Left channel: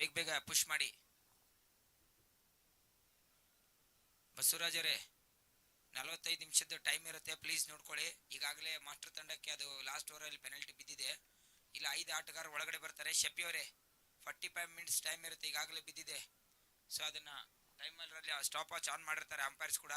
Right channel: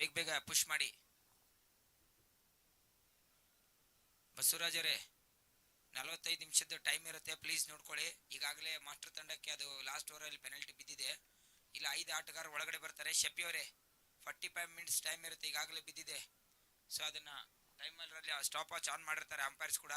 ಬೇಗ ಬೇಗ ಪುಷ್ ಮಾಡಿ. ಬಸವರಾಜ್ ಅವರೇ 45 ನಿಮಿಷದ ಟೈಮ್ ಇರುತ್ತೆ, ಪ್ಲೀಸ್ ನೋಡ್ಕೊಳ್ಳಿ. ಈಗಾಗಲೇ ಮಾಸ್ಟರ್ ತಂಡಕ್ಕೆ ಅದು ಲಾಸ್ಟ್ ಓವರಲ್ಲಿ ಪೆನಲ್ಟಿ ಬಿದ್ದಿದೆ. ಇಲ್ಲ 5 ಆಟಗಾರರು ಒಳಗಡೆ ಬರ್ತಾರೆ. ಶಫಿ ಅವರೇ 45 ಮಿನಿಟ್ಸ್ ಟೈಮ್ ಇರುತ್ತೆ, ಈಗಾಗಲೇ ಬಿದ್ದಿದೆ. ಸೊ ಅದನ್ನ ಟೈಮಲ್ಲಿ ಸ್ಟಾಪ್ ವಾಚ್ ಆನ್ ಮಾಡಿರ್ತಾರೆ ಅಂಪೈರ್ಸ್ ಕೂಡ.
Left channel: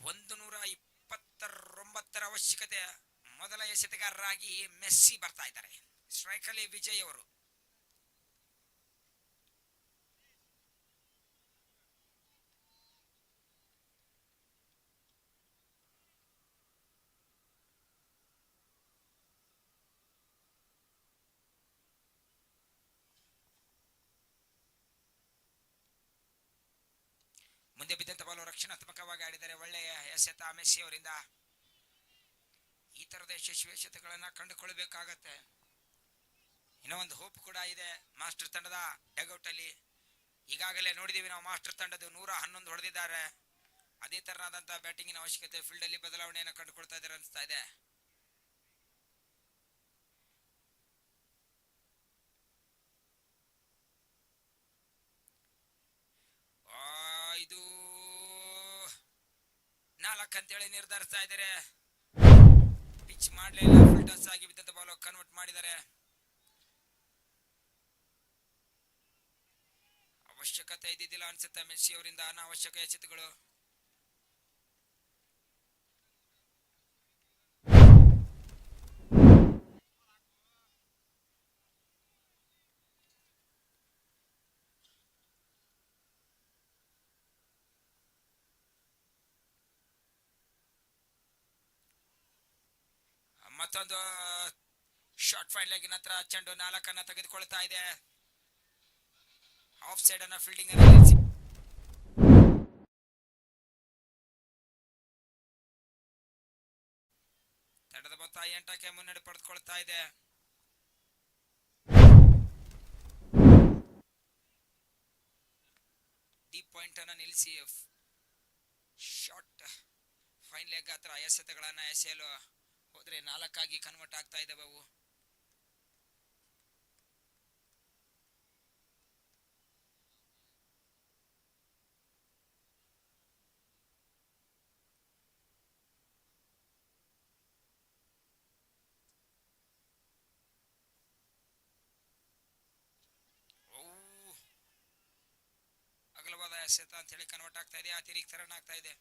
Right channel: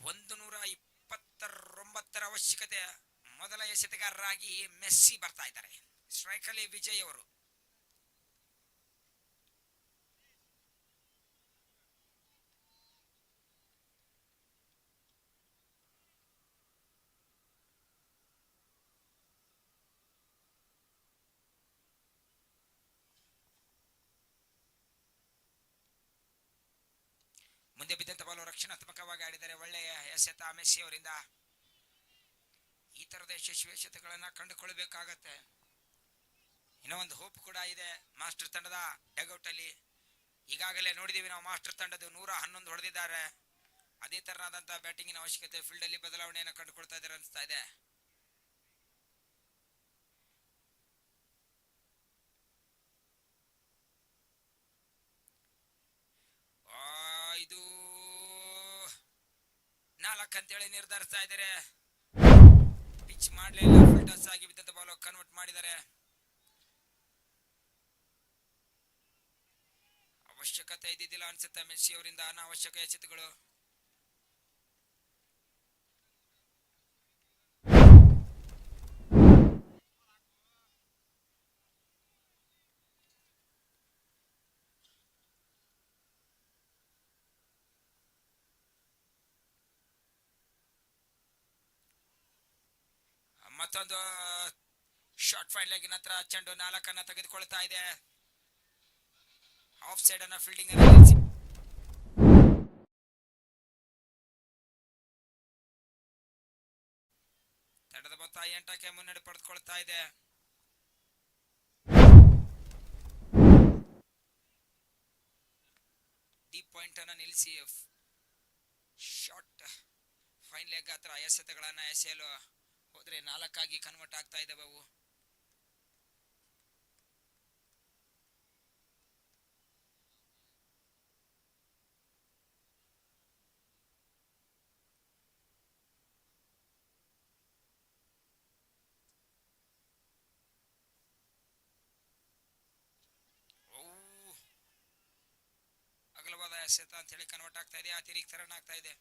ಒಂದು 129 ಅವಶ್ಯಕತೆ. ಮೊದಲ ಎಸೆತಗಾರರಾಗಿ ಮೆಸ್ಸಿ ಬರ್ತಾ ಇದ್ದಾರೆ. ಸ್ಟ್ರೈಕಲ್ಲಿ ವಿಜಯ್ ಅವರು. ಮುಂದೆ ಬಿದ್ದಂತ ಬಾಲು ರಕ್ಷಣಾತ್ಮಕವಾಗಿ ಆಡಿದರೆ ಒಳ್ಳೆಯ ಎಸೆತ ಮೆಸ್ಸಿ ಅವರಿಂದ. ಈ ತರದ ಯಶಸ್ವಿ ಎಸೆತಗಳನ್ನ ಕಂಡುಕೊಳ್ಬೇಕಾಗತ್ತೆ. ಇನ್ನೂ ಒಂದು ಹೋಪ್ ಕೂಡ ಇದೆ ಮಾಸ್ಟರ್ ತಂಡದ ಡಗೌಟ್ ಅಲ್ಲಿ. ಈಗಾಗಲೇ ನೋಡಿದೀವಿ ನಾವು ಮಾಸ್ಟರ್ ತಂಡದ 111 ಹೊಡೆದಿದ್ದಾರೆ. ಅದೇ ತರನಾದಂತಹ ಬ್ಯಾಟಿಂಗಿನ ಅವಶ್ಯಕತೆ. ಫೀಲ್ಡ್ ಅಲ್ಲಿ ಬದಲಾವಣೆಯನ್ನು ಕಂಡುಕೊಳ್ತಾ ಇದ್ದಾರೆ ಅನಿಸ್ತಾ ಇದೆ. ಇದು 4 ಅಂತೇಳಿ ನಿರ್ಧರಿಸ್ತಾ ಇದ್ದಾರೆ. ಪಿಚ್ ಮಾಡಲಿಲ್ಲ, ಫುಲ್ ಟಸ್ ಆಗಿ ಬಿದ್ದಂತ ಬಾಲ್ ಕನ್ವರ್ಟ್ ಮಾಡಿದ್ದಾರೆ. ಅವಶ್ಯಕತೆ ಇದ್ದಿದ್ದಿಲ್ಲ ಅನ್ಸುತ್ತೆ ಮೆಸ್ಸಿ ಅವರಿಂದ ಅನಾವಶ್ಯಕ ಎಸೆತಗಳು. ಮತ್ತೊಂದು ಶಾರ್ಟ್ ಫೈನ್ ಲೆಗ್ ನಂತರ ಚೆಂಡು 4 ತೆಗೆದುಕೊಳ್ತಾ ಇದೆ. ಆಫ್ ಸೈಡ್ ಅನ್ನ ಫೀಲ್ಡಿಂಗ್ ತಡದ ಮೊತ್ತ 8ಕ್ಕೆ ಮುನ್ನಡೆ ಪಡೆದುಕೊಳ್ತಾ ಇದೆ. ಡೀಪ್ ಪಾಯಿಂಟ್ ಅನ್ನ ನಿಲ್ಲಿಸಿ ಶಾರ್ಟ್ ಫೈನ್ ಲೆಗ್ ಹತ್ರ ಎಸೆತಗಳನ್ನ ಎಸೆಯಲು ಹೋದ್ರೆ 4 ಕನ್ವರ್ಟ್ ಆಗ್ತಾ ಇದ್ದಾವೆ ಅವು. ಅಗಲವಾದ ಎಸೆತ ಅಂತ ಹೇಳಿ ಕನ್ವರ್ಟ್ ಆಗ್ತಾ ಇದೆ. ಅತಿರಿಕ್ತ ರನ್ ಆಗ್ತಾ ಇದೆ.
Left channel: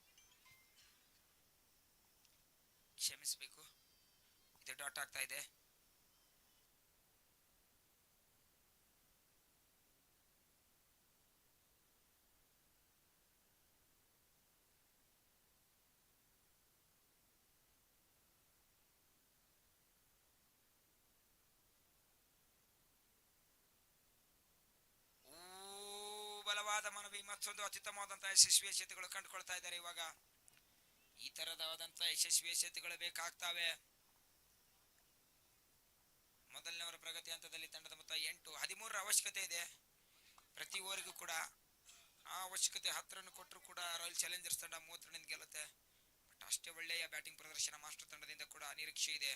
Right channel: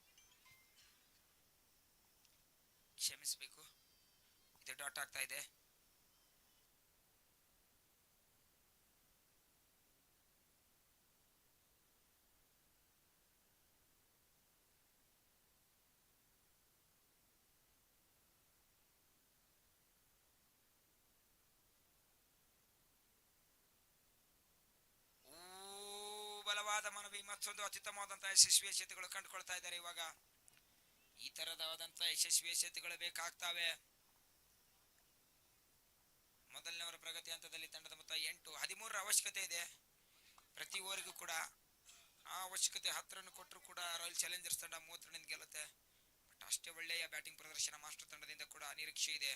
ಕ್ಷಮಿಸಬೇಕು, ಇದು ಡಾಟ್ ಆಗ್ತಾ ಇದೆ. ಬಲವಾದ ಮನವಿ. ಮತ್ತೊಂದು ಅತ್ಯುತ್ತಮವಾದಂತಹ ಯಶಸ್ವಿ ಎಸೆತಗಳು ಕಂಡುಕೊಳ್ತಾ ಇದ್ದಾರೆ ಇವಾಗ. ಈ ತರದಾದಂತಹ ಯಶಸ್ವಿ ಎಸೆತಗಳು ಬೇಕಾಗ್ತವೆ. ಮೊದಲನೇವರ ಪ್ರಗತಿ ಹಂತದಲ್ಲಿ ತಂಡದ ಮೊತ್ತ 8. 13 ಅವಶ್ಯಕತೆ ಇದೆ ಪ್ರತಿ ಓವರ್ಗೂ ಕೂಡ. ಆ ಅವಶ್ಯಕತೆ 10 ರನ್ ಕೊಟ್ಟರು ಕೂಡ ರಾಯಲ್ ಚಾಲೆಂಜರ್ಸ್ ತಂಡ 30 ರನ್ ಗೆಲ್ಲುತ್ತೆ. ಬಟ್ ಅಷ್ಟೇ ಒಳ್ಳೆಯ ಬ್ಯಾಟಿಂಗ್ ಪ್ರದರ್ಶನ ಮಾಸ್ಟರ್ ತಂಡದಿಂದ ಕೂಡ ನಿರೀಕ್ಷೆ ಇದೆ.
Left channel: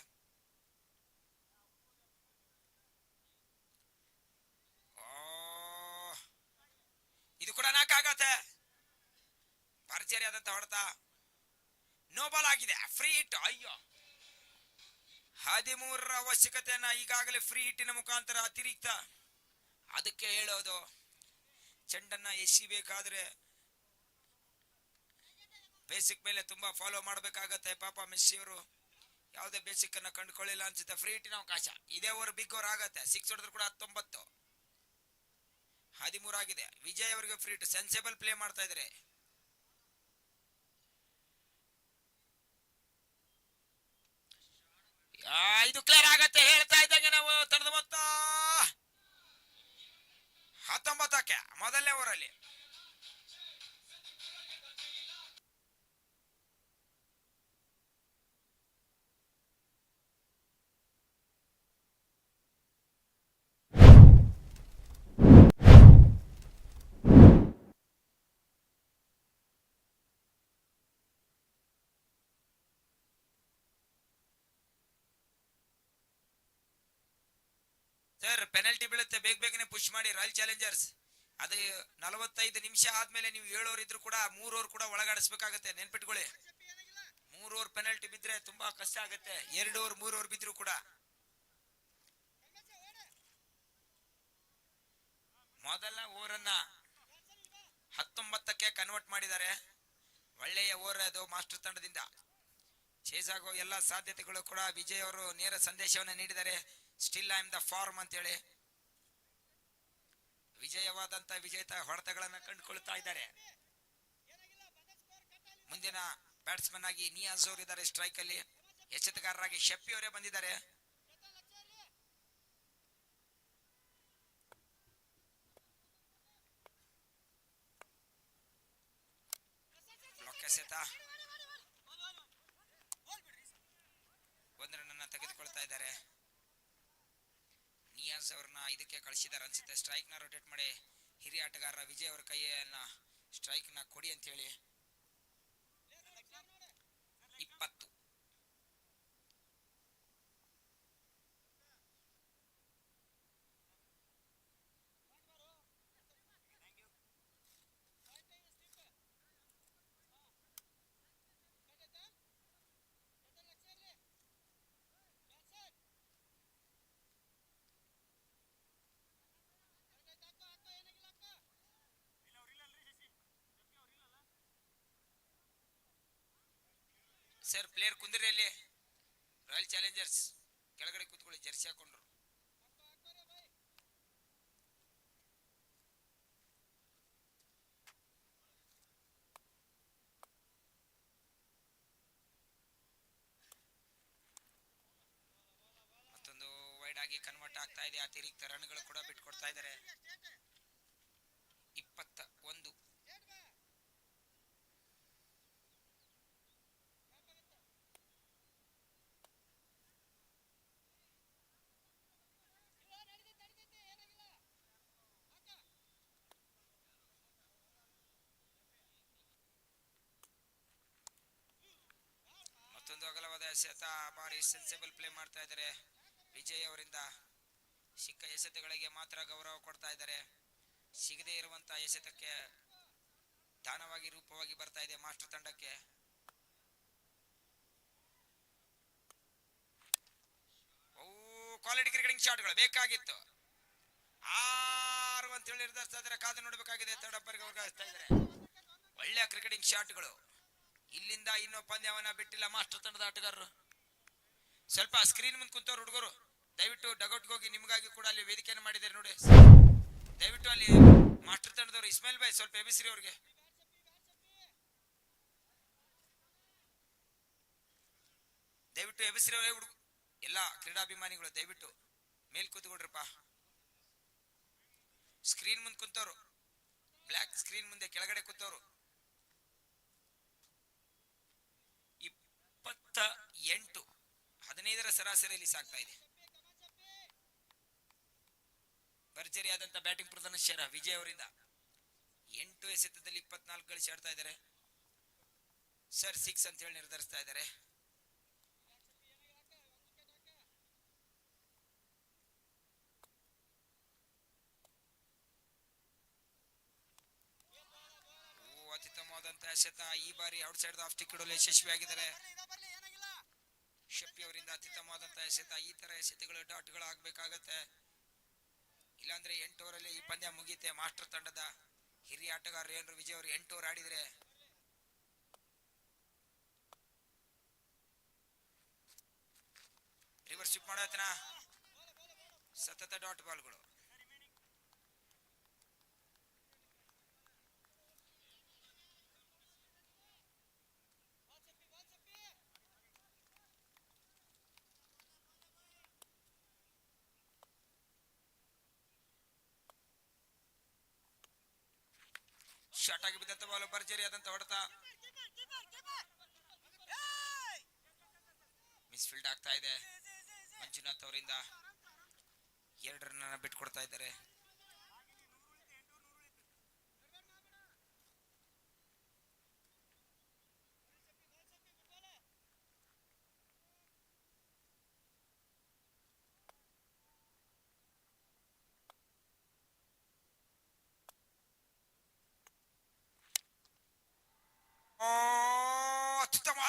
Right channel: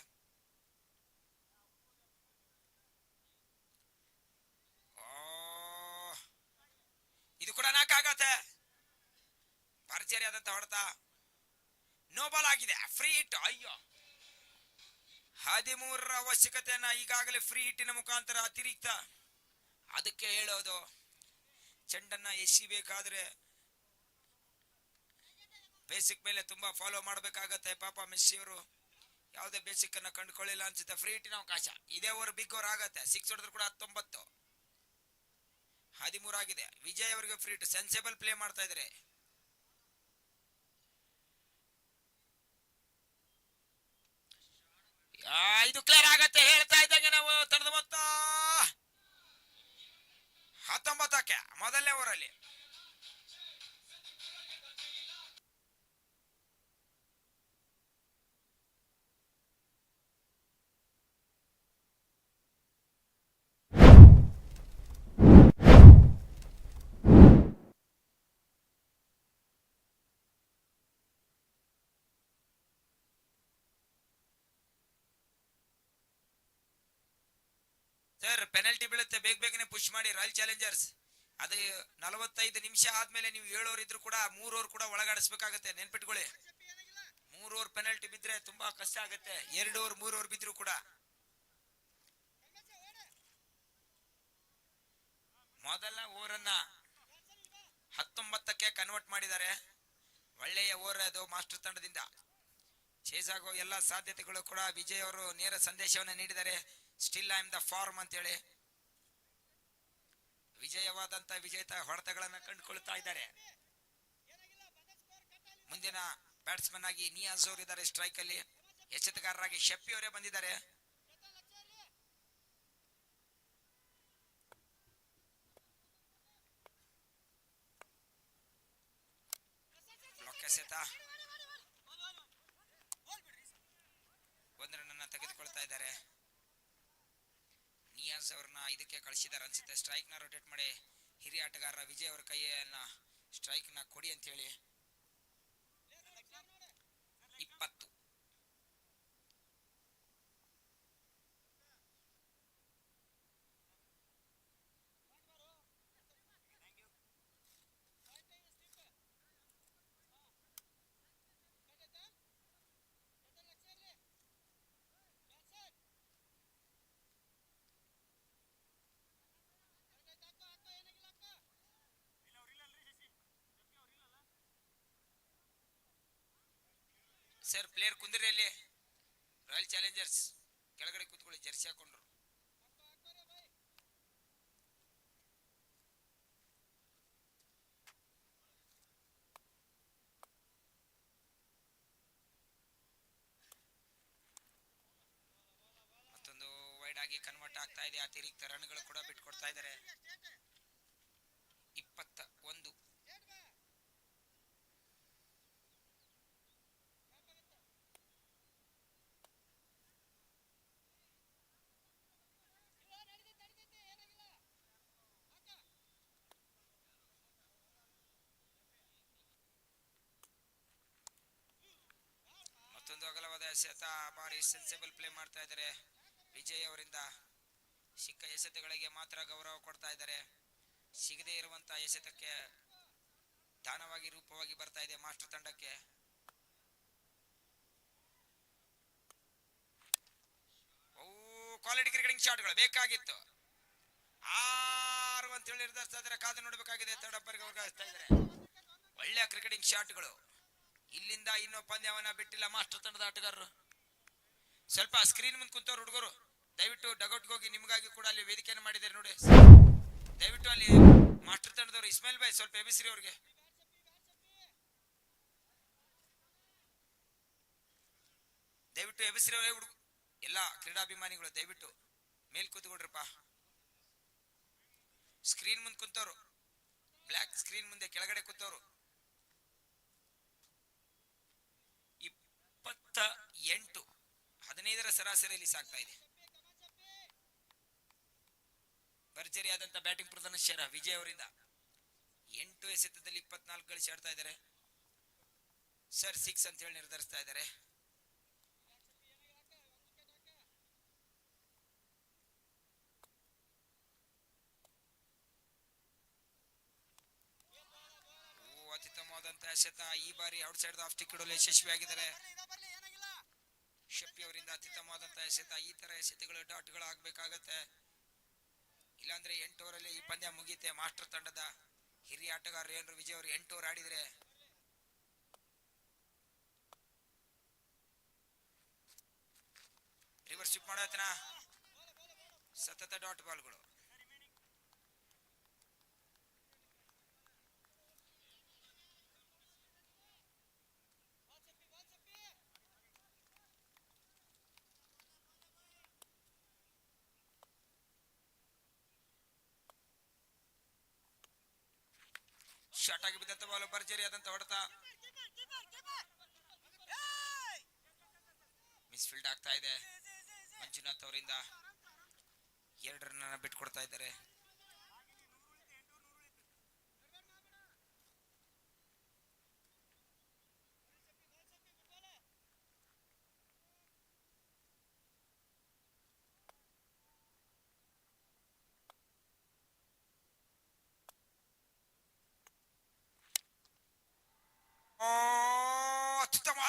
ಇದು ಕೂಡ 4 ಆಗತ್ತೆ. ಭರ್ಜರಿ ಆದಂತ ಹೊಡೆತ. ನೋ ಬಾಲ್ ಆಗಿದೆ. Free hit. ಅಯ್ಯೋ, 13 ಅವಶ್ಯಕತೆಯನ್ನ ಈಗಾಗಲೇ ಫ್ರೀ ಹಿಟ್ಟಿನ ಮುಖಾಂತರ ಅತಿರಿಕ್ತ. ಅದಕ್ಕೆ ಹೇಳೋದು, ಚೆಂಡನ್ನ ಎಸಿಬೇಕಾದ್ರೆ ಬೇಸಿಕ್ ಮೇಲೆ ತುಂಬಾ ಫಾಲೋ ಮಾಡಬೇಕಾಗತ್ತೆ. ಪಾಪ ಮೆಸ್ಸಿ ಅವರು ಯಾವುದೇ ಬೇಸಿಕ್ ಅನ್ನ ಕಂಡುಕೊಳ್ಳಿಲ್ಲ ಅನ್ಸುತ್ತೆ. ಫ್ರೀ ಹಿಟ್ಟಿನ ಅವಕಾಶ. ಇದೇ ಓವರ್ ಬಿಗ್ ಓವರ್ ಆಗತ್ತೆ. 6 ಹೊಡೆದ್ರು ಕೂಡ 19. 13 ಆಗಿದೆ. ವಿಜಯ್ ಅವರಿಗೆ ಫ್ರೀ ಹಿಟ್. ಸೆನ್ಸೇಬಲ್ ಪ್ಲೇ ಮಾಡ್ತಾ ಇದ್ದಾರೆ. ಇದು ಕ್ಲಿಯರ್ ಆಗತ್ತೆ ಹೇಳ್ತಾ ಇದ್ದಂಗೆ ನಾವು. ತಡದ ಮೊತ್ತ 19ಕ್ಕೆ ಮೊದಲನೇ ಓವರಲ್ಲಿ. ಸರ್ ಪೆನಲ್ಟಿ ಬೀಳುತ್ತೆ, ಬೇಗ ಬೇಗನೆ ಪುಷ್ ಮಾಡಿ ರಾಯಲ್ ಚಾಲೆಂಜರ್ಸ್. ಅದು 45 ನಿಮಿಷ ಆದ್ಮೇಲೆ ನೀವು 7 ಓವರ್ ಇದ್ರು ಕೂಡ 3 ಓವರ್ ಕೂಡ ಒಳಗಾಡಿಸ್ಬೇಕಾಗತ್ತೆ, ನೆನ್ಪಿಟ್ಕೊಳ್ಳಿ. 3 ಓವರ್ ಪೆನಲ್ಟಿ ಬಿದ್ರೆ ತುಂಬಾ ಕಷ್ಟ ಆಗುತ್ತೆ, 2 ಓವರ್ 3 ಓವರ್ ಬಿದ್ರು ಕೂಡ. ಮೊದಲ ಓವರ್ ಅನ್ನ 19ಕ್ಕೆ ಕನ್ವರ್ಟ್ ಮಾಡಿದ್ದಾರೆ. ಒಳ್ಳೆಯ ಓವರ್ ಅದು ಮಾಸ್ಟರ್ ತಂಡದಿಂದ. ಚೇಸ್ ಆಗೋ ಎಲ್ಲ ಸಾಧ್ಯತೆಗಳು ಕೂಡ ವಿಜಯ್ ಅವರು ನೇರ ಸಂದೇಶವನ್ನು ನೀಡಿದ್ದಾರೆ, still I am the form ಅಂತೇಳಿ. ವಿಜಯವಾದಂತ ವಿಜೇತ ಹೊಡೆತಗಳನ್ನ ಕಂಡುಕೊಳ್ತಾ ಇದ್ದಾರೆ. ಮುಂದಿನ ಬ್ಯಾಟ್ಸ್ಮನ್ ಆಗಿ ನಿಯಾಜ್ ಅವರು ಇದ್ದಾರೆ ಸ್ಟ್ರೈಕ್ ಅಲ್ಲಿ. ಎಚ್ಚೆತ್ತುಗಾರರಾಗಿ ಶೆಪ್ಪಿ ಅವರೇ ಬಂದಿದ್ದಾರೆ. ಒಂದು ರನ್ ತೆಗೆದುಕೊಳ್ತಾ ಇದ್ದಾರೆ. ನಿಯಾಜ್ ಅವ್ರನ್ನ ಇದಕ್ಕೆ ಕಳಿಸಿದಾರೆ ಅನ್ಸುತ್ತೆ, ಸ್ಟ್ರೈಕ್ ನ ರೊಟೇಟ್ ಮಾಡಿ ಹಿರಿಯ ಆಟಗಾರ ವಿಜಯ್ ಅವರ ಕೈಯನ್ನ ಸ್ಟ್ರೈಕ್ ನ ಕೊಡಿ ಅಂತ ಹೇಳಿ. 20. ಸರ್ ಪ್ಲೇಯರ್ ಕುಂದಿರಿ ಅಲ್ಲಿ, ರಾಯಲ್ ಚಾಲೆಂಜರ್ಸ್ ಕೆಳಗಡೆ ಕೂತ್ಕೊಳ್ಳಿ, ಜರ್ಸಿ ಹಾಕೊಂಡ್ರು. ಮತ್ತೊಂದು ವೈಡ್ ಆಗಿ ಕನ್ವರ್ಟ್ ಆಗ್ತಾ ಇದೆ, ಅತಿರಿಕ್ತ ರನ್ಗಳು ಕೂಡ ಬಿಟ್ಕೊಡ್ತಾ ಇದ್ದಾರೆ. 21. ಮತ್ತೊಂದು ಅಗಲವಾದ ಎಸೆತ, ಬಾರಿ ಸೆನ್ಸಿಬಲ್ ಪ್ಲೇ ಮಾಡ್ತಾ ಇದ್ದಾರೆ ವಿಜಯ್ ಅವರಿಂದ. ಸಿಕ್ಕ ಎಸೆತಗಳಿಗೆ ಮಾತ್ರ ಗೌರವ ಕೊಡ್ತಾ ಇದ್ದಾರೆ, ಸಿಗದೇ ಇರುವಂತಹ ಎಸೆತಕ್ಕೆ ದಾನವಾಗಿ ರೂಪವಾಗಿ ಬರ್ತಾ ಇದೆ ಮಾಸ್ಟರ್ ತಂಡಕ್ಕೆ. ಕ್ವಾಲಿಟಿ ಕ್ರಿಕೆಟಿಂಗ್ ಶಾಟ್ಗಳು ಬೇಕಾಗಿತ್ತು. 6 ಅಂತ ಹೇಳಿ ನಿರ್ಧರಿಸ್ತಾ ಇದ್ದಾರೆ, ಕಾದು ನೋಡಬೇಕಾಗಿದೆ. ಥರ್ಡ್ ಅಂಪೈರ್ಗೆ ವರ್ಗಾಯಿಸ್ತಾ ಇದ್ದಾರೆ. ಒಳ್ಳೆಯ ಕ್ರಿಕೆಟಿಂಗ್ ಶಾಟ್ಗಳು. ಇಲ್ಲಿಂದ ಇನ್ನೂ ಪಂದ್ಯವನ್ನ ಬಿಟ್ಟಿಲ್ಲ ಮಾಸ್ಟರ್ ತಂಡದ ಆಟಗಾರರು. ಸ್ವಲ್ಪ ಸ್ಕ್ರೀನ್ ಮುಂದೆ ಕುಂತವ್ರು ಹುಡುಗರು ದಯವಿಟ್ಟು ಡಗೌಟ್ಗೆ ಹೋಗಿ, ನಿಮಗಾಗಿ ಕೂಡ ಅಲ್ಲಿ ವೇದಿಕೆಯನ್ನು ಮಾಡಿದ್ದಾರೆ ನೋಡಿ. ದಯವಿಟ್ಟು ಅಲ್ಲಿ ಮಾಸ್ಟರ್ ತಂಡದವರು ಇಸ್ಮಾಯಿಲ್ ಬಾಯ್ ಸ್ವಲ್ಪ ಎಬಿಸಿರಿ ಅವ್ರಿಗೆ. ದಯವಿಟ್ಟು ಎಬಿಸಿರಿ ಅವರೇ ಹುಡುಗ ಎಲ್ಲ ಕ್ರೀಡಾಭಿಮಾನಿಗಳು ದಯವಿಟ್ಟು ಮೇಲ್ ಕೂತ್ಕೊಡ್ರಪ್ಪ. ಸ್ಕ್ರೀನ್ ಮುಂದೆ ಕುಂತವ್ರು, ಬ್ಲಾಕ್ ಸ್ಕ್ರೀನ್ ಮುಂದೆ ಕೆಳಗಡೆ ಕೂತವ್ರು. 28, 15ರ ಸರಾಸರಿಯಲ್ಲಿ ಸಾಗ್ತಾ ಇದೆ. ಭರ್ಜರಿಯಾದಂತ ಬ್ಯಾಟಿಂಗ್ ಪ್ರದರ್ಶನ ವಿಜಯ್ ಅವರಿಂದ. 8 ಎಸೆತದಲ್ಲಿ 24 ಗಳಿಸಿ ಆಡ್ತಾ ಇದ್ದಾರೆ. ಸರ್ 6 ಅಂತ ಹೇಳಿ ನಿರ್ಧರಿಸ್ತಾ ಇದ್ದಾರೆ. ಅತ್ಯುತ್ತಮವಾದಂತಹ ಎಸೆತ ಈ ಬಾರಿ ಔಟ್ ಸೈಡ್ ಆಫ್ ಟಿಕೆಟ್ ಯಶಸ್ವಿಯಾಗಿದ್ದಾರೆ ಶೆಪ್ಪಿ ಅವರಿಂದ. ಅತ್ಯುತ್ತಮವಾದಂತಹ ಎಸೆತ. ಈ ತರ ಎಸೆತಗಳು ಡಾಟ್ಗಳು ಆಗ್ಬೇಕಾಗತ್ತೆ, ಇಲ್ಲಾಂದ್ರೆ 8 ಓವರಲ್ಲಿ ಈ ಪಂದ್ಯ ಮುಗಿಯುತ್ತೆ. ಮಾಸ್ಟರ್ ತಂಡದ ಹಿರಿಯ ಆಟಗಾರ ರೇಣು ವಿಜಯ್ ಅವರು 8 ಓವರ್ ಆಡಿದ್ರೆ ರಿವರ್ಸ್ ಸ್ವಿಪ್ ಮಾಡತನ ಸತತ ಡಾಟ್ ಬಾಲ್ಗಳು. ಶಾರ್ಟ್ ಆಗಿ ಬಿದ್ದಂತ ಬಾಲ್, ಭರ್ಜರಿಯಾದಂತ ಹೊಡೆತ, ಮಿಸ್ಫೀಲ್ಡ್ ಆಗ್ತಾ ಇದೆ. ಮಂಜುನಾಥ್ ಅವರಿಂದ 2 ರನ್ ಬಿಟ್ಕೊಡ್ತಾ ಇದ್ದಾರೆ.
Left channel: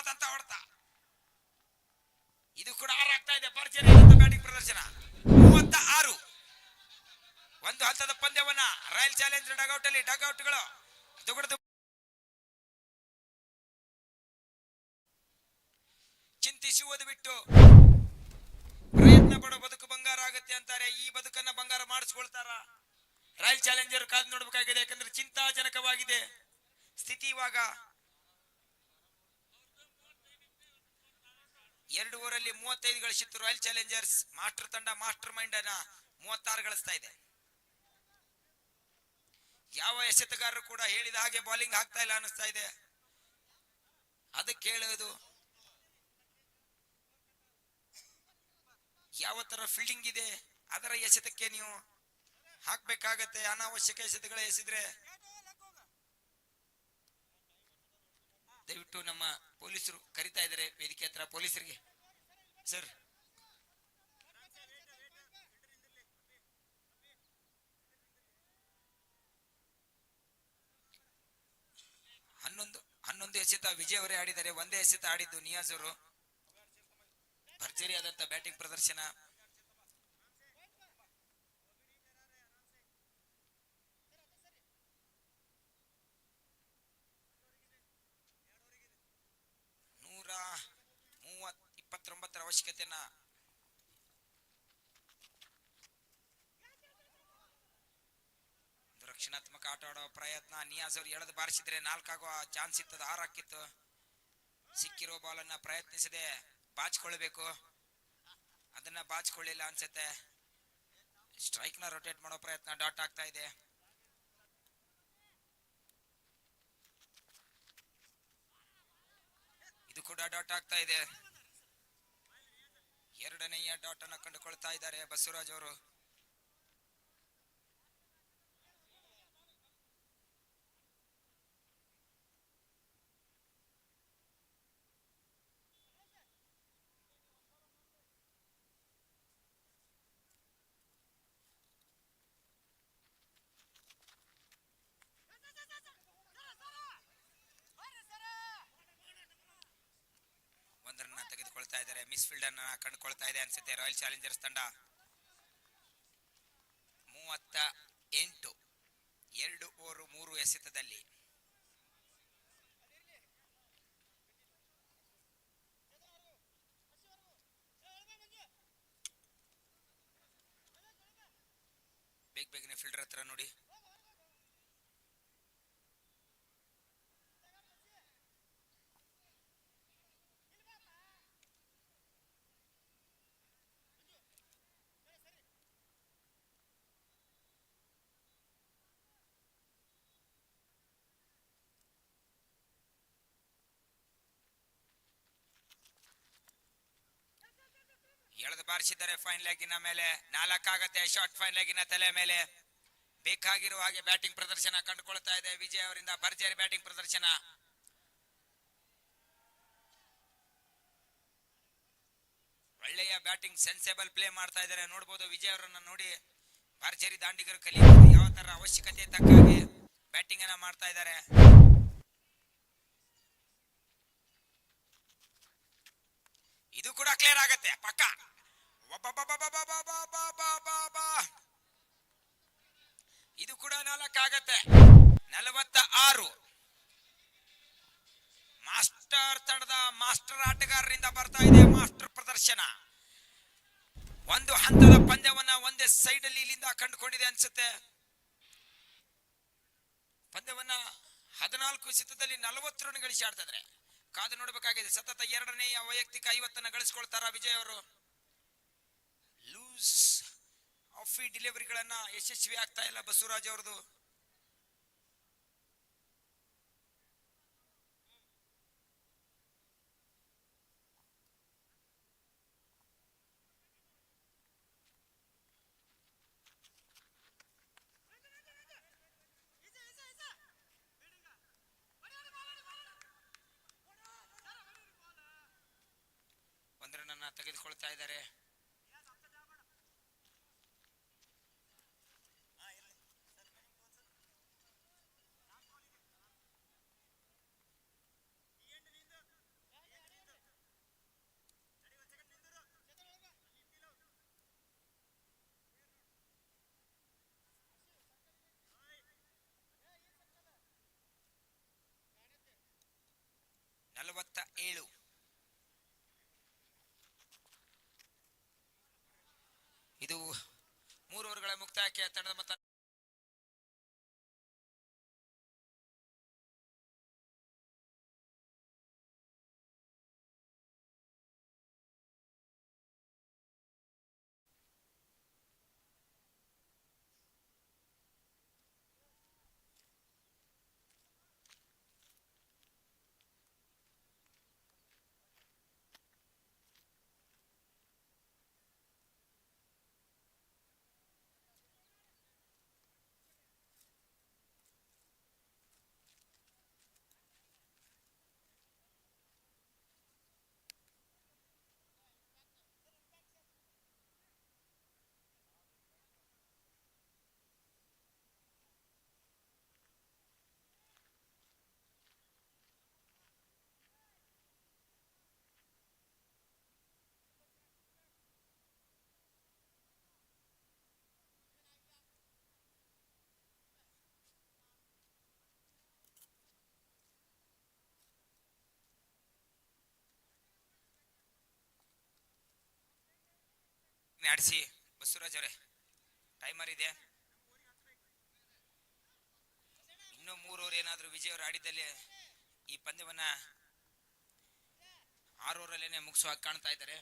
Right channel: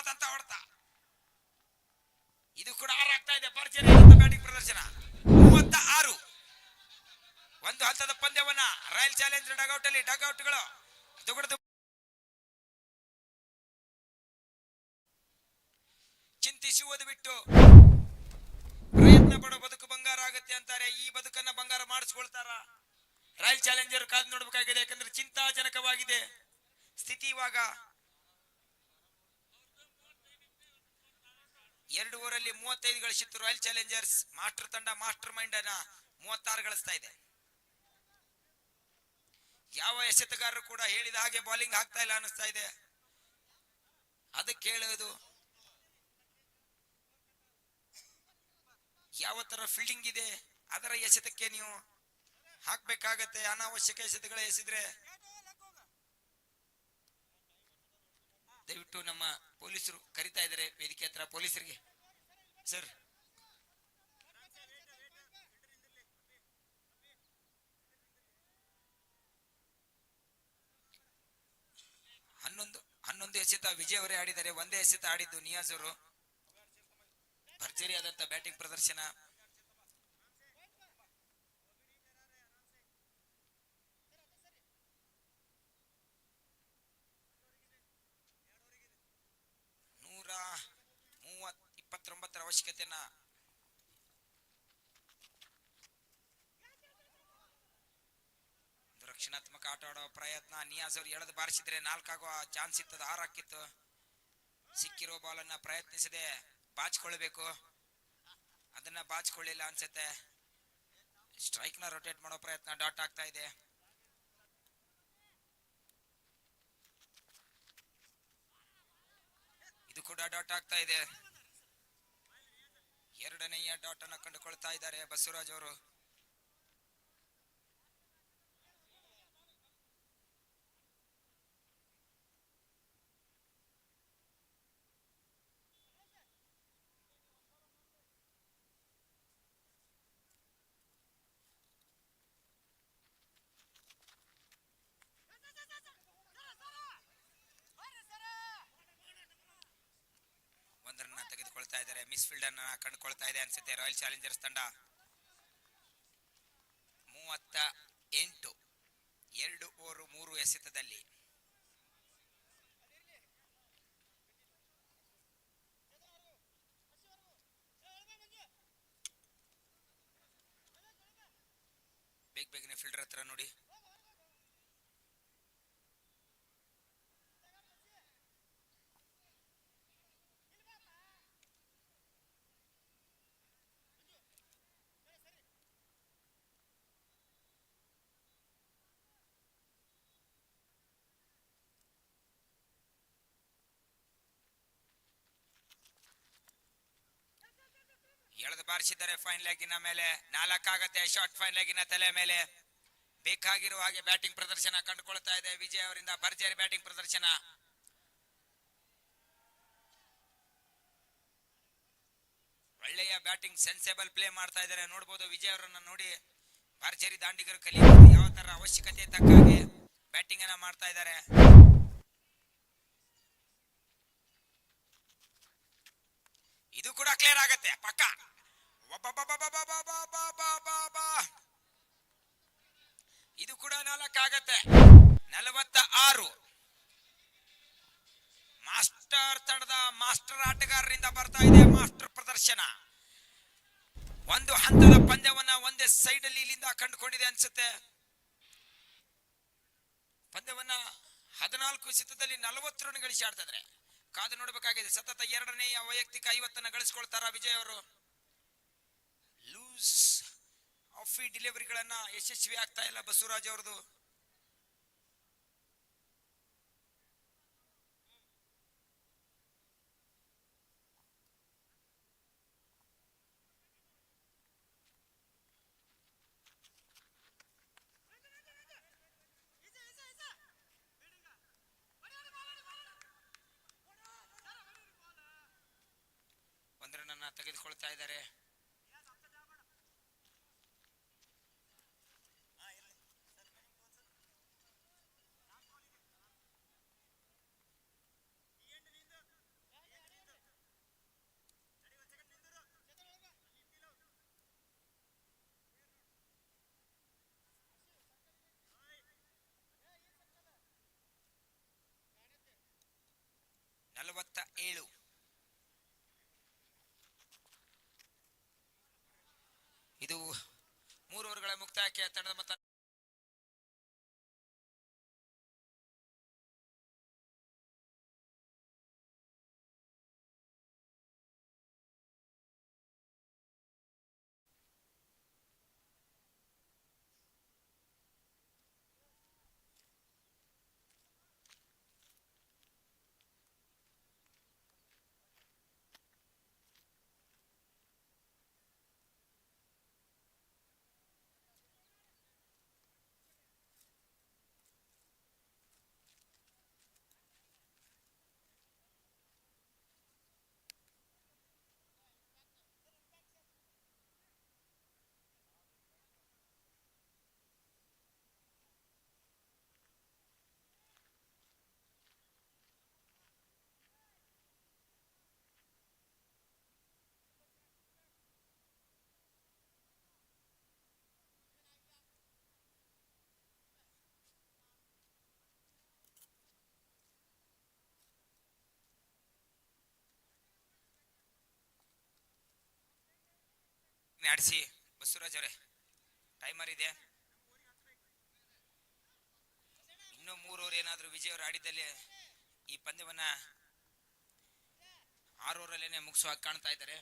ಅದ್ಭುತವಾದಂತ ಹೊಡೆತ. ಇದು ಕೂಡ 6 ಆಗ್ತಾ ಇದೆ. ಭರ್ಜರಿ ಬ್ಯಾಟಿಂಗ್ ಪ್ರದರ್ಶನ. 36 ಒಂದು ಹಂತದ ಪಂದ್ಯವನ್ನ ರಾಯಲ್ ಚಾಲೆಂಜರ್ ಡಗೌಟ್ ಅಲ್ಲಿ ಡಗೌಟ್ಗಳು ದುಗುಡದು ಚಿಂತಿಸುವುದು ಬಿಟ್ಟು ಪ್ರಯತ್ನ ಪಡೋ ಬದುಕು ಬಂಗಾರ ಆಗುತ್ತೆ ಅಂತಾರೆ. ಈ ಬದುಕನ್ನ ಬಂಗಾರ ಮಾಡಿಸ್ಕೊಳ್ತಾರ ರಾಯಲ್ ಚಾಲೆಂಜರ್ ಕಾದು ನೋಡ್ಬೇಕಾಗಿದೆ. ಯಾಕಂದ್ರೆ ಚಿಂತಾಜನಕವಾಗಿದೆ ಸ್ಥಿತಿ. ಇವಾಗ 2 ಓವರಲ್ಲಿ 35 ಗಳಿಸಿತ್ತು ರಾಯಲ್ ಚಾಲೆಂಜರ್ಸ್. ಮಾಸ್ಟರ್ ತಂಡ ಮಾಸ್ಟರ್ ಮೈಂಡ್ ಅನ್ನ 36 ಗಳಿಸ್ತಾ ಇದೆ. ಯಾವ ಎಸೆತಗಾರರು ಕೂಡ ಹೇಳಿದ ಹಾಗೆ ಬೌಲಿಂಗ್ ಆಗ್ತಾ ಇಲ್ಲ ಅನಿಸ್ತಾ ಇದೆ. ಅದಕ್ಕೆ ಹೇಳೋದು ಯಾವ ತರ ಫೀಲ್ಡಿಂಗ್ ಇದೆ ಅದರ ಎಸೆತಕ್ಕೆ ನೀವು ಹಾಕ್ಬೇಕಾಗತ್ತೆ. ಅನಾವಶ್ಯಕ ಎಸೆತಗಳ ಎಸೆದ್ರೆ ದಯವಿಟ್ಟು ನಮ್ಮ ಪೊಲೀಸರು ಕರಿತಾ ಇದ್ದಾರೆ ವೇದಿಕೆ ಹತ್ರ. ಪೊಲೀಸರಿಗೆ ಸರ್, ಹನ್ನೊಂದು ಎಸೆತ ವಿಜಯ್ ಅವರೇ ಆಡಿದ್ದಾರೆ. ಒಂದೇ ಎಸೆತ ಆಡಿದ್ದು ನಿಯಾಜ್ ಅವರು. ಭರ್ಜರಿ ಆದಂತ ಬ್ಯಾಟಿಂಗ್ ಪ್ರದರ್ಶನ. ನೂರ 29 ಅವಶ್ಯಕತೆಯನ್ನ ರಕ್ಷಣಾತ್ಮಕ ಆಟ ಆಡುವ ಪ್ರಯತ್ನ. ನಿಯಾಜ್ ಅವರು ಎಳೆದು ಬಾರಿಸಿದ್ರೆ 4 ಆಗುವ ಚಾನ್ಸ್ ಇತ್ತದ. 6 ಹಾಕಿತ್ತು. ಸಿಕ್ಕಿರೋ ಬಾಲ್ ಅನ್ನ ಪ್ರಯತ್ನಿಸದೆ ಬಾಚಿಕೊಳ್ಳಬೇಕು. ಅದನ್ನ ಬಾಚಿಕೊಳ್ಳಿಲ್ಲ ಅನ್ಸುತ್ತೆ. ಸ್ಟ್ರೈಕ್ ನ ರೊಟೇಟ್ ಮಾಡೋ ಪ್ರಯತ್ನ. ಡಾಟ್ ಆಗ್ತಾ ಇದೆ. ಇದು ಕೂಡ ಡಾಟ್ ಆಗ್ತಾ ಇದೆ. ಎರಡನೆಯ ಡಾಟ್ ಅನ್ನ ಕಂಡುಕೊಳ್ತಾ ಇದ್ದಾರೆ ಬಸವರಾಜ್ ಅವರು. ತೆಗೆದುಕೊಳ್ತಾ ಇದ್ದಾರೆ. ಮಿಸ್ ಫೀಲ್ಡ್ ಅನ್ನ ಕಂಡುಕೊಳ್ತಾ ಇದೆ ಅನ್ಸುತ್ತೆ ರಾಯಲ್ ಚಾಲೆಂಜರ್ಸ್ ತಂಡ. 38 2 ಓವರ್ 3 ಎಸೆತದಲ್ಲಿ. ಬೇಗನೆ ಫೀಲ್ಡರ್ ಹತ್ರ ನೋಡಿ. ಎಳೆದು ಬಾರಿಸಿದ್ದಾರೆ ಫೈನ್ ಲೆಗ್ಗಿನ ಮೇಲೆ. 4 ಆಗತ್ತೆ. ಶಾರ್ಟ್ ಫೈನ್ ಲೆಗ್ಗಿನ ತಲೆ ಮೇಲೆ. ಬೇಕಾಗಿರುವ ಹಾಗೆ ಬ್ಯಾಟಿಂಗ್ ಪ್ರದರ್ಶನ ಕಂಡುಕೊಳ್ತಾ ಇದೆ ವಿಜಯ್ ಅವರಿಂದ. ಭರ್ಜರಿ ಬ್ಯಾಟಿಂಗ್ ಪ್ರದರ್ಶನ. ಒಳ್ಳೆಯ ಬ್ಯಾಟಿಂಗ್ ಸೆನ್ಸೇಬಲ್ ಪ್ಲೇ ಮಾಡ್ತಾ ಇದ್ದಾರೆ. ನೋಡಬಹುದು ವಿಜಯ್ ಅವರನ್ನ ನೋಡಿ ಭರ್ಜರಿ ದಾಂಡಿಗರು ಕಲಿಯಬಹುದು ಯಾವ ತರ ಅವಶ್ಯಕತೆ ತಕ್ಕ ಹಾಗೆ ಬ್ಯಾಟಿಂಗ್ ಅನ್ನ ಮಾಡ್ತಾ ಇದ್ದಾರೆ. ಇದು ಕೂಡ ಕ್ಲಿಯರ್ ಆಗತ್ತೆ ಪಕ್ಕ. ಇದು ಕೂಡ 4 ಆಗತ್ತೆ. 46 ಮಾಸ್ಟರ್ ತಂಡದ ಮಾಸ್ಟರ್ ಆಟಗಾರರಿಂದ ಬರ್ತಾ ಇದೆ ಮಾಸ್ಟರ್ ಪ್ರದರ್ಶನ. ಒಂದು ಹಂತದ ಪಂದ್ಯವನ್ನ ಒಂದೇ ಸೈಡ್ ಅಲ್ಲಿ ಇಲ್ಲಿಂದ ಕಂಡುಕೊಂಡಿದೆ ಅನ್ಸುತ್ತೆ. ಪಂದ್ಯವನ್ನ 14 ಎಸೆತದಲ್ಲಿ 40 ರನ್ ಗಳಿಸಿ ಆಡ್ತಾ ಇದ್ದಾರೆ. ಕಾದು ನೋಡಬೇಕಾಗಿದೆ. ಸತತ 2ನೇ ವೈಯಕ್ತಿಕ 50 ಗಳಿಸ್ಕೊಳ್ತಾರ ವಿಜಯ್ ಅವರು. ಲೂಸ್ ಆಫ್ ಡೆಲಿವರಿಗಳನ್ನ ಯಶಸ್ವಿ ಆಗ್ತಾ ಇಲ್ಲ ಬಸವರಾಜ್ ಅವರದು. ಒಂದರನ್ನ ತೆಗೆದುಕೊಳ್ತಾ ಇದ್ದಾರೆ. 47. ಇದು 3 ಓವರ್ಗಳ ಮುಕ್ತಾಯಕ್ಕೆ ತಂಡದ ಮೊತ್ತ ಆಡಿಸಿ. ಬಸವರಾಜ್ ಅವರೇ, ಟೈಮರ್ ಇದೆ. ಇನ್ನೂ 3 ಓವರ್ ಏನಾದರೂ ವಿಜಯ್ ಅವರು ಆಡಿದ್ದಲ್ಲಿ ಈ ಪಂದ್ಯವನ್ನ 6 ಓವರಲ್ಲೇನೆ ಮುಗಿಸುವಾಗಿ ಕಾಣ್ತಾ ಇದ್ದಾರೆ.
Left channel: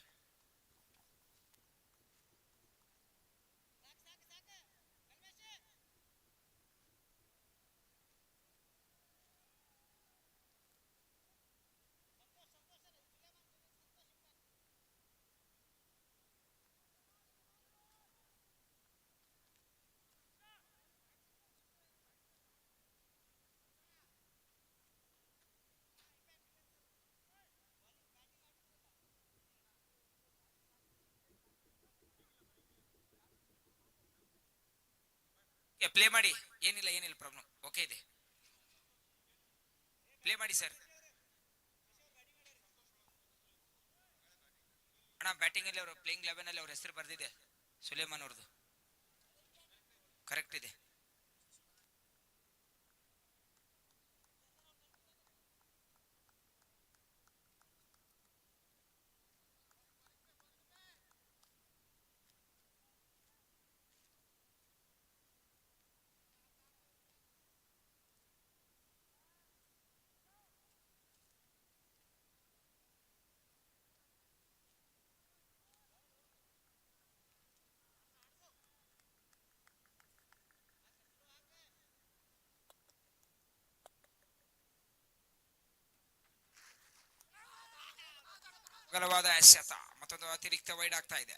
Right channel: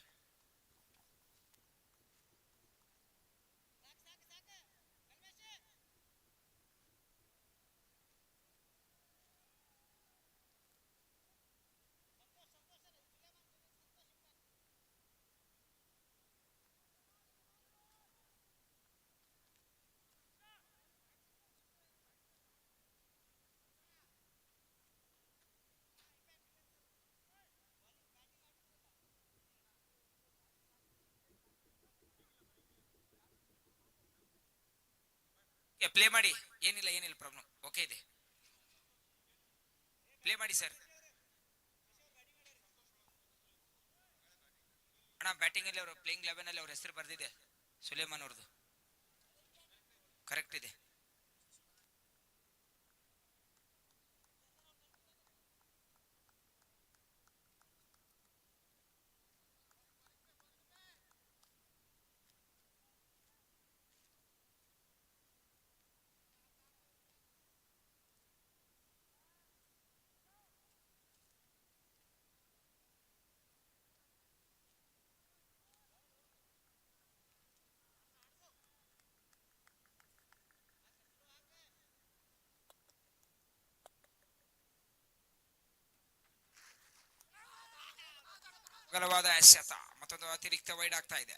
ಪ್ಲೇ ಮಾಡಿ. ಏನಿಲ್ಲ ಪ್ರಾಬ್ಲಮ್. ಓಕೆ ಇದೆ, ಪ್ಲೇ ಮಾಡಿ ಸರ್. ಅಣ್ಣ, ಬ್ಯಾಟಿಂಗ್ ಅಲ್ಲಿ ಅವರು ಪ್ಲೇಯಿಂಗ್ 11 ಅಲ್ಲಿ ಅವ್ರ ಹೆಸರು ಬರ್ದಿದೆ, ಸುಲೇಮಾನ್ ಅವ್ರದ್ದು ಕರೆಕ್ಟ್ ಇದೆ. ಅಗಲವಾದ ಎಸೆತ, ಮತ್ತೊಂದು ಅತಿರಿಕ್ತ ವೈಡ್ ಆಗ್ತಾ ಇದೆ.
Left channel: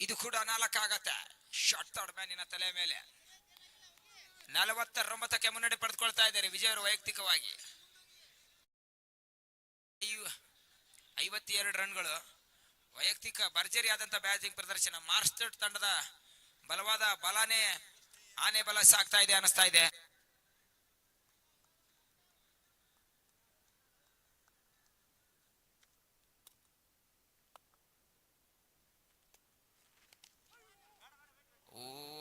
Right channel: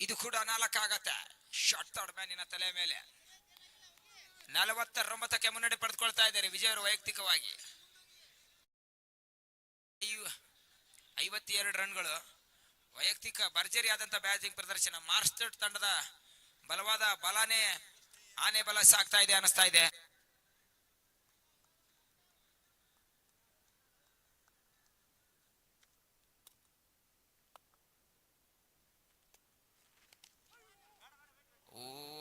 ಇದು ಕೂಡ 4 ಆಗತ್ತೆ. ಶಾರ್ಟ್ ಥರ್ಡ್ ಮ್ಯಾನಿನ ತಲೆ ಮೇಲೆ 49ಕ್ಕೆ ಮುನ್ನಡೆ ಪಡೆದುಕೊಳ್ತಾ ಇದ್ದಾರೆ ವಿಜಯ್ ಅವರು ವೈಯಕ್ತಿಕವಾಗಿ. 52 ರನ್ಗಳು. ವೈಯಕ್ತಿಕ ಭರ್ಜರಿ ಆದಂತ ಬ್ಯಾಟಿಂಗ್ ಪ್ರದರ್ಶನ. ಮಾರ್ಸ್ಟರ್ ತಂಡದ ಬಲವಾದ ಬಲಾನೇ ಆನೆ ಬಲ ಸಾಗ್ತಾ ಇದೆ ಅನಿಸ್ತಾ ಇದೆ.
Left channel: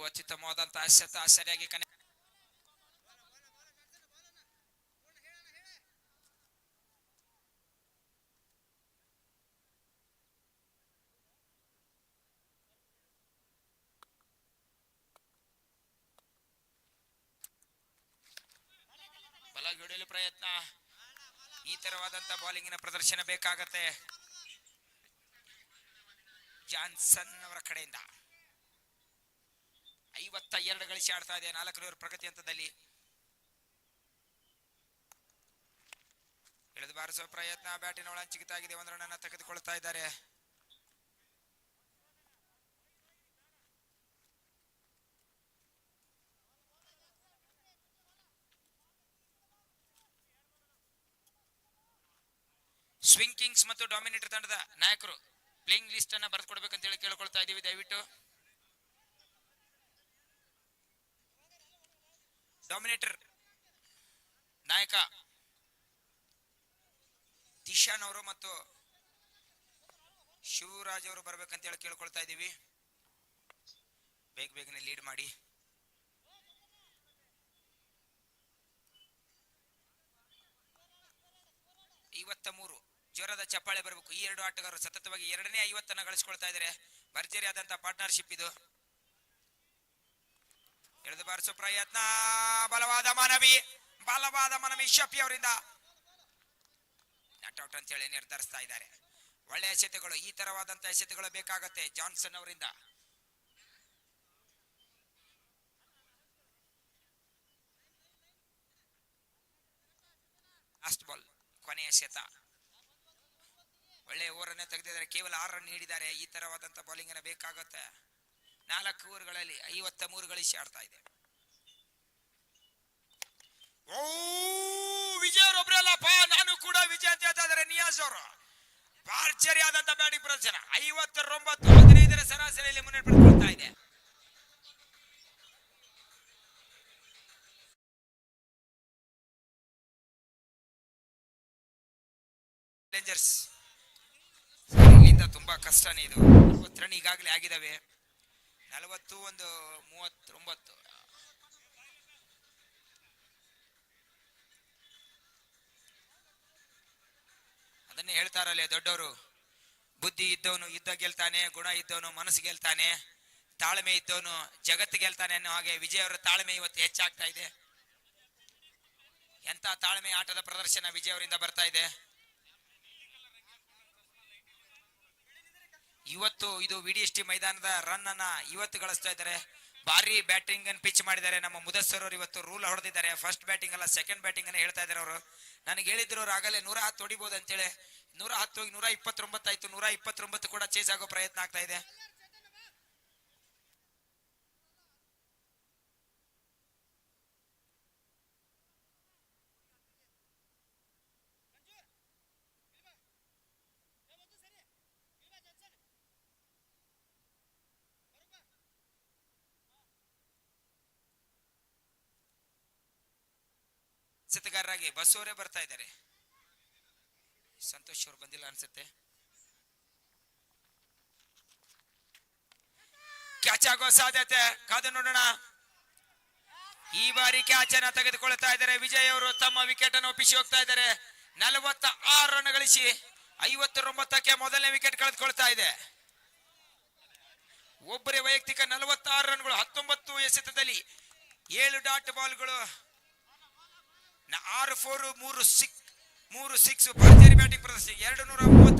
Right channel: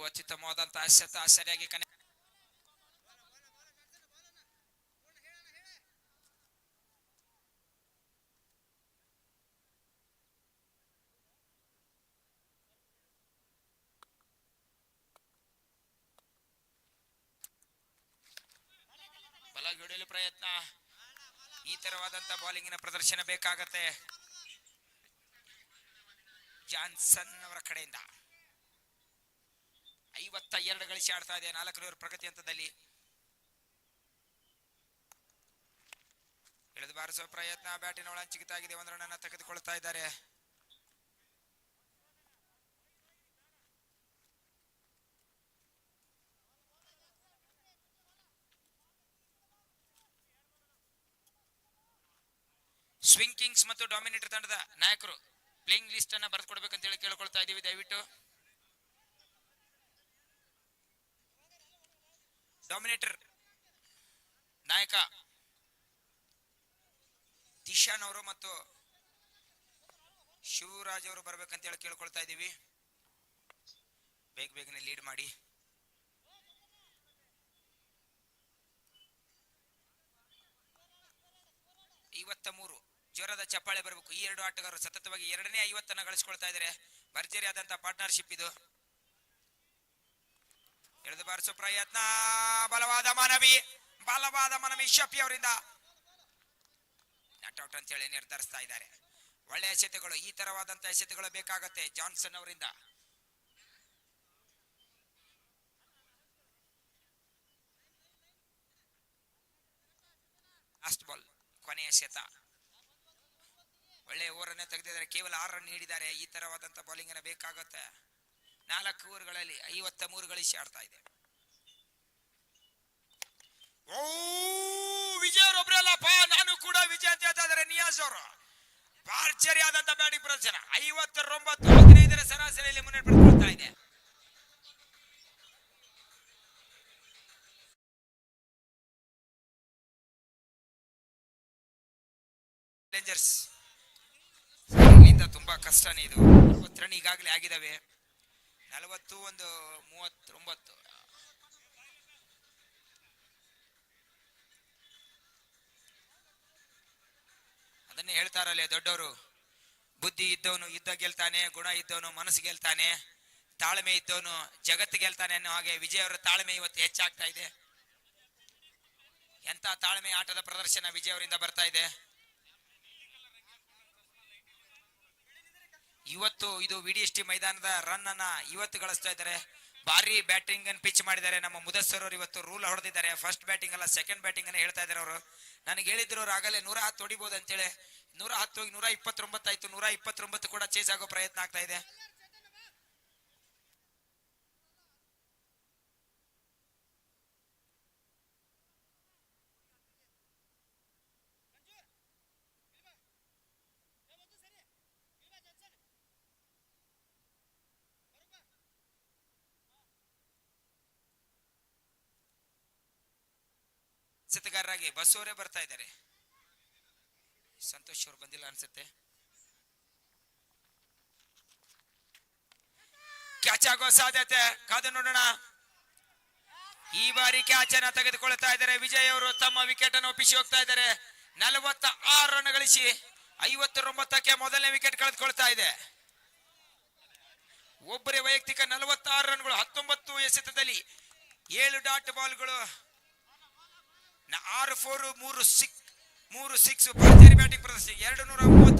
ಅತ್ಯುತ್ತಮವಾದಂತಹ ಎಸೆತ, ಸರಿಯಾಗಿ ಕನೆಕ್ಟ್. ಹೊಡೆಯಲು ಪ್ರಯತ್ನ. ಈ ತರವಾದಂತ ಬಾಲಿಂಗಿನ ಪ್ರದರ್ಶನ ಬೇಕಾಗತ್ತೆ ಜಾನ್ಸನ್ ಅವರ ಕಡೆಯಿಂದ. 52 ಗಳಿಸಿ ಆಡ್ತಾ ಇದೆ 4 ಪ್ರಗತಿ ಹಂತದಲ್ಲಿ. ಎಳೆದು ಬಾರಿಸುವ ಪ್ರಯತ್ನ, ಬ್ಯಾಟಿನ ಒಳಂಚಿಗಿತಾಗಿದೆ. 1 ರನ್ ಅನ್ನು ತೆಗೆದುಕೊಳ್ತಾ ಇದ್ದಾರೆ. ಸ್ವಿಂಗ್ ಕಿಂಗ್ಸ್ ಮತ್ತು ಡಾಮಿನೇಟರ್ ತಂಡದ ನಾಯಕರು ಪ್ಲೇಯಿಂಗ್ ಲಿಸ್ಟ್ ಅನ್ನ ಬರೆದು ಕೊಡ್ಬೇಕಂತ ಹೇಳಿ ಕೇಳ್ಕೊಳ್ತಾ ಇದೀವಿ ದಯವಿಟ್ಟು. ಡಾಮಿನೇಟರ್ ನಾಯಕ ದಿಶಾನ್ ಅವರು ಮತ್ತು ಶಿವರಾಜ್ ಅವರು ಬರ್ಬೇಕಂತ ಹೇಳಿ ಕೇಳ್ಕೊಳ್ತಾ ಇದ್ದೀವಿ. ಬೇಗನೆ ಲೀಡ್ ಮಾಡಿ. ಜೋರಾದ ಚಪ್ಪಾಳೆ ಬರಬೇಕು. ಈ ಎರಡು ಆಟಗಾರರು ಸತತವಾಗಿ ಎರಡನೇ 50 ಗಳಿಸ್ಕೊಳ್ತಾ ಇದ್ದಾರೆ. ಭರ್ಜರಿ ಆದಂತಹ ಪಾರ್ಟ್ನರ್ಶಿಪ್ ಇದು. ಎಳೆದು ಬಾರಿಸೋ ಪ್ರಯತ್ನ, ಬಲವಾದ ಮನವಿ ಶಫಿ ಅವರಿಂದ ನಾಟ್ ಔಟ್ ಅಂತ ಹೇಳಿ ನಿರ್ಧರಿಸ್ತಾ ಇದ್ದಾರೆ. ಒಳ್ಳೆಯ ಎಸೆತಗಳು, ಈ ತರವಾದಂತಹ ಎಸೆತಗಳು ಬೇಕಾಗತ್ತೆ ಜಾನ್ಸನ್ ಅವರಿಂದ. ಲಾಸ್ಟ್ ಬಾಲ್, ಕೊನೆಯ ಎಸೆತ. ಒಳ್ಳೆಯ ಓವರನ್ನೇ ತೆಗೆದಿದ್ದಾರೆ. ಕೇವಲ 6 ರನ್ ನೀಡಿದ್ದಾರೆ. ಈ ತರವಾದಂತಹ ಬೌಲಿಂಗ್ ಅನ್ನ ಬೇಕಾಗುತ್ತೆ. 4 ಓವರ್ಗಳಲ್ಲಿ 53 ಗಳಿಸಿ ಆಡ್ತಾ ಇದೆ. ಓ ವಿಜಯ್ ಅವರೊಬ್ಬರೇ ಅಲ್ಲಪ್ಪ, ನಾನು ಕೂಡ ವಿಜಯ್ ಅಂತ ಹೇಳ್ತಾ ಇದ್ದಾರೆ ನಿಯಾಜ್ ಅವರು. ಭರ್ಜರಿ ಆದಂತ ಬ್ಯಾಟಿಂಗ್ ಪ್ರದರ್ಶನ. 59 15 ಸರಾಸರಿಯಲ್ಲಿ ಮುನ್ನಡೆ ಪಡೆದುಕೊಳ್ತಾ ಇದೆ. ಚಾಲೆಂಜರ್ಸ್ ಇಲ್ಲಿಂದ ತುಂಬಾ ಕಷ್ಟನೇ ಇದು. 40 ರನ್ ಈಗಾಗಲೇ ಆಗಿದಾವೆ. 41 39. ಅದನ್ನೇ ಹೇಳ್ತಾರಲ್ಲೇ ದೊಡ್ಡವರು, ಬುದ್ಧಿ ಇದ್ದವನು ಯುದ್ಧ ಗೆಲ್ತಾನೆ, ಗುಣ ಇದ್ದವನು ಮನಸ್ಸು ಗೆಲ್ತಾನೆ, ತಾಳ್ಮೆ ಇದ್ದವನು ಜಗತ್ತು ಗೆಲ್ತಾನೆ ಅನ್ನೋ ಹಾಗೆ ವಿಜಯ್ ಅವರ ತಾಳ್ಮೆ ಇವತ್ತು ಹೆಚ್ಚಾಗ್ತಾ ಇದೆ. ಎಂತ ತಾಳ್ಮೆ ಆಟದ ಪ್ರದರ್ಶನ ವಿಜಯ್ ಅವರಿಂದ ಬರ್ತಾ ಇದೆ. ಇವತ್ತು ಇದು ವಿಡಿಎಸ್ಟಿ ಮೈದಾನದ ರನ್ ಅನ್ನ ಇವತ್ತು ಗಳಿಸ್ತಾ ಇದ್ದಾರೆ. ಭಾರಿ ಬ್ಯಾಟಿಂಗ್ ಅನ್ನು ಪಿಚ್ ಮಾಡಿದ್ದಾರೆ ನಮ್ಮ ಮುದಸ್ಸರ್ ಅವರು. ಇವತ್ತು ರೂಲ್ ಹೊಡೆದಿದ್ದಾರೆ. ಫಸ್ಟ್ ಬ್ಯಾಟಿಂಗ್ ಅಲ್ಲ, ಸೆಕೆಂಡ್ ಬ್ಯಾಟಿಂಗ್ ಅನ್ನ ಹೇಳ್ತಾ ಇದ್ದಾರೆ ಅವರು. ನನಗೆ ಹೇಳಿದ್ರು ಅವರು ಆಗಲೇ 110 ಹೊಡಿಬಹುದು ಅಂತೇಳಿ. 110 ಹೋಗಿ 129 ಆಯ್ತು. 129 ಕೂಡ ಚೇಸ್ ಆಗೋ ಪ್ರಯತ್ನ ಆಗ್ತಾ ಇದೆ. ಎಸೆತಗಾರರಾಗಿ ಬಸ್ ಅವರೇ ಬರ್ತಾ ಇದ್ದಾರೆ. ಸಂತೋಷ್ ಅವರು ಬಂದಿಲ್ಲ ಅನ್ಸುತ್ತೆ. ಕ್ಯಾಚ್ ಆಗೋ ಸಾಧ್ಯತೆ, ಕಾದು ನೋಡೋಣ. ಈ ಬಾರಿ ಕ್ಯಾಚ್ ಅನ್ನ ತೆಗೆದುಕೊಳ್ತಾ ಇದ್ದಾರೆ ವಿಜಯ್ ಅವರು. ತಮ್ಮ ವಿಕೆಟ್ ಅನ್ನು ಒಪ್ಪಿಸಿ ಹೋಗ್ತಾ ಇದ್ದಾರೆ. 46 ರನ್ ಗಳಿಸಿ 59ಕ್ಕೆ ಮೊದಲನೇ ವಿಕೆಟ್ ಕಳೆದುಕೊಳ್ತಾ ಇದೆ. ಒಬ್ಬರೇ ವೈಯಕ್ತಿಕ 46 ರನ್ಗಳು, 19 ಎಸೆತದಲ್ಲಿ 7 ಡಾಟ್ ಬಾಲ್ಗಳು, 6 4 3 6 ಭರ್ಜರಿ ಬ್ಯಾಟಿಂಗ್ ಪ್ರದರ್ಶನ. 230